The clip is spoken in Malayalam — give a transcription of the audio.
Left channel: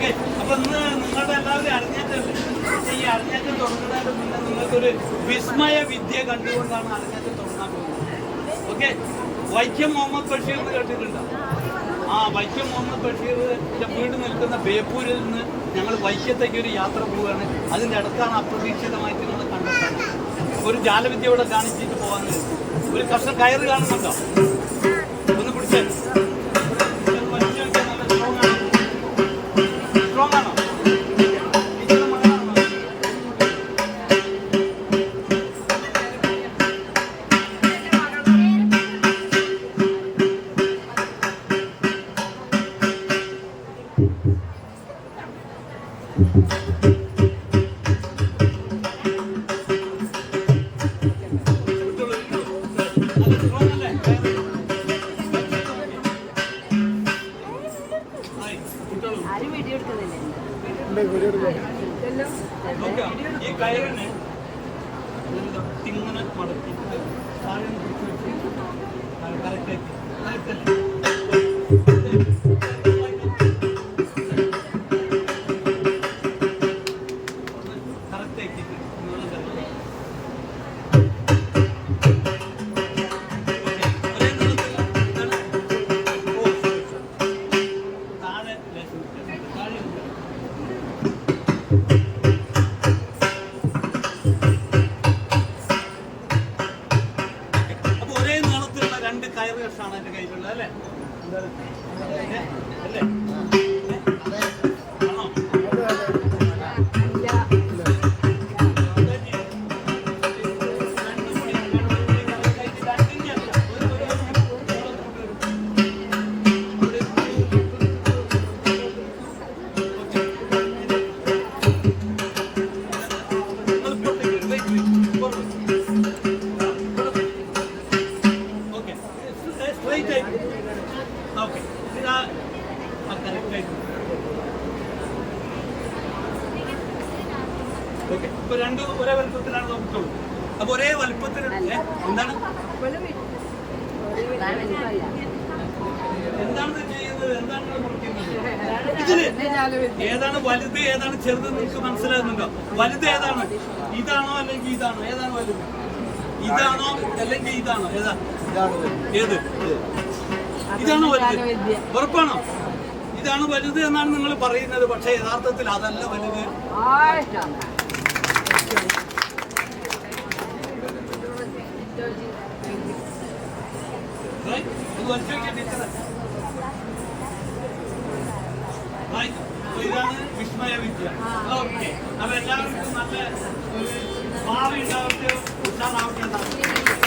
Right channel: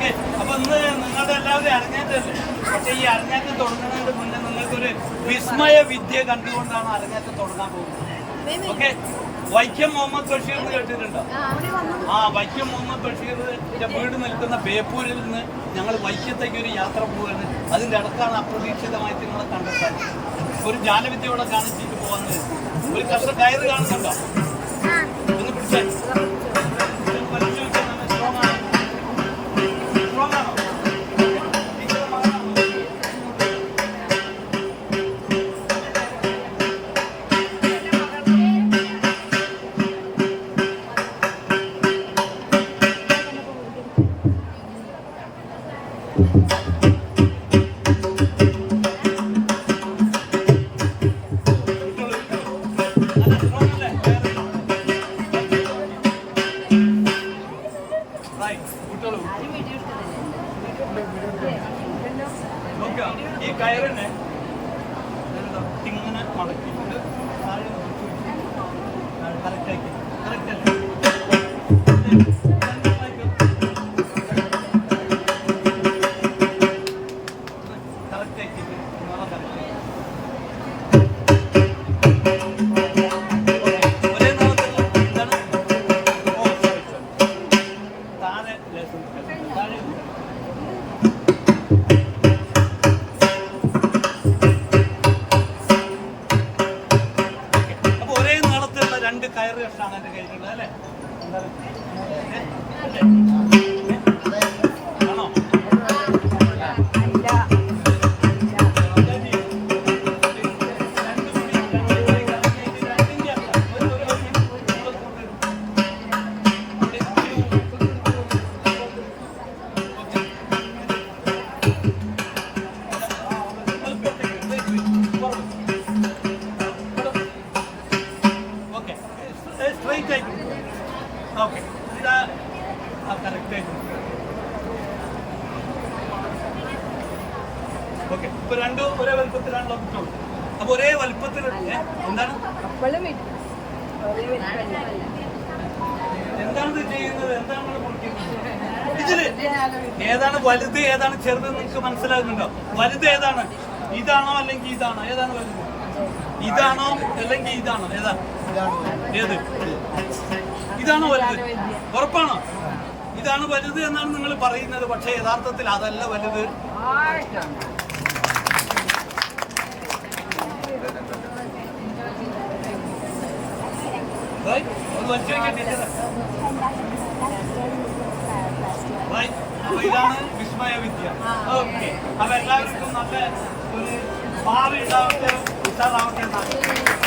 ഓക്കെ, അപ്പൊ ഇന്ന് നിങ്ങളുടെ എല്ലാവരും അരങ്ങേറ്റല്ലേ? പക്ഷെ ഈ അരങ്ങേറ്റം തുടങ്ങുന്നതിന് മുന്നേ നിങ്ങൾക്കൊരു വിസ്മയ വിദ്യ കണ്ടുകൊണ്ടാണ് അരങ്ങേറ്റം തുടങ്ങാൻ പോകുന്നത്. ഓക്കെ, വൈക്കം മുഹമ്മദ് ബഷീർ എന്ന് കേട്ടിട്ടുണ്ടോ? വൈക്കം മുഹമ്മദ് ബഷീറിന്റെ വീട് നിൽക്കുന്ന ബേപ്പൂരിൽ നിന്ന് ഞങ്ങൾ വൈക്കത്തേക്ക് ഒരു യാത്ര പോവുകയാണ്. അതിൻ്റെ ഇടക്കാണ് അപ്രതീക്ഷിതമായിട്ട് നിങ്ങളെ കണ്ടെത്താൻ ഒരു ജാലവിദ്യയോടെ കാണിച്ചിട്ട് പോകാൻ പറ്റി. ഒരു കർഷക കയറ് കാണുന്നുണ്ടോ? ഒന്ന് പിടിച്ചാൽ ഈ കയറിനെ ഇങ്ങനെ മടക്കിയിട്ട് താഴെ കറക്റ്റാക്കി കറക്റ്റ് അല്ലേ? രണ്ട് കയറ് കഷ്ടാണ് എന്റെ കയ്യിലുള്ളത് അല്ലേ? അല്ലേ? ആണോ? സ്ട്രൈറ്റ് ആയിട്ട് ഓക്കെ, ഇതാ കറക്റ്റ് ആയിട്ട് ഓക്കെ. ഇപ്പൊ രണ്ടും ഒരേ വലുപ്പത്തിലാണല്ലോ കിട്ടുള്ളൂ. അപ്പൊ ഒരേ വലുപ്പത്തിൽ എന്താണ് എന്താണ് ചെയ്യുന്നത്? എന്താണ് മുറിക്കുന്നത്? ഇതില് ഏതാണ് വലുത് ഏതാണ് ചെറുത് നിങ്ങൾക്ക് മനസ്സിലാകുന്നുണ്ടോ? വലുത് ഏതാണ്? ഇതാണോ അല്ലെങ്കിൽ ഇതാണോ? ഏതാണ് വലുത്? ഇതാണോ അല്ലെങ്കിൽ ഇതാണോ? ഏതാ ഏത്? ഇതാണോ വലുത്? ഉറപ്പാണോ? ഇതാണ് വലുത് എന്നാണ് നിങ്ങൾ പറയുന്നത്. പക്ഷെ യഥാർത്ഥത്തിൽ അതല്ല വലുത്. അപ്പൊ ഇതാണ് വിസ്മയ വിദ്യ. ഓക്കെ, അപ്പൊ എല്ലാവർക്കും നല്ല ഒരു ഭാവി ഉണ്ടാവട്ടെ, ഉത്സാഹമാവട്ടെ.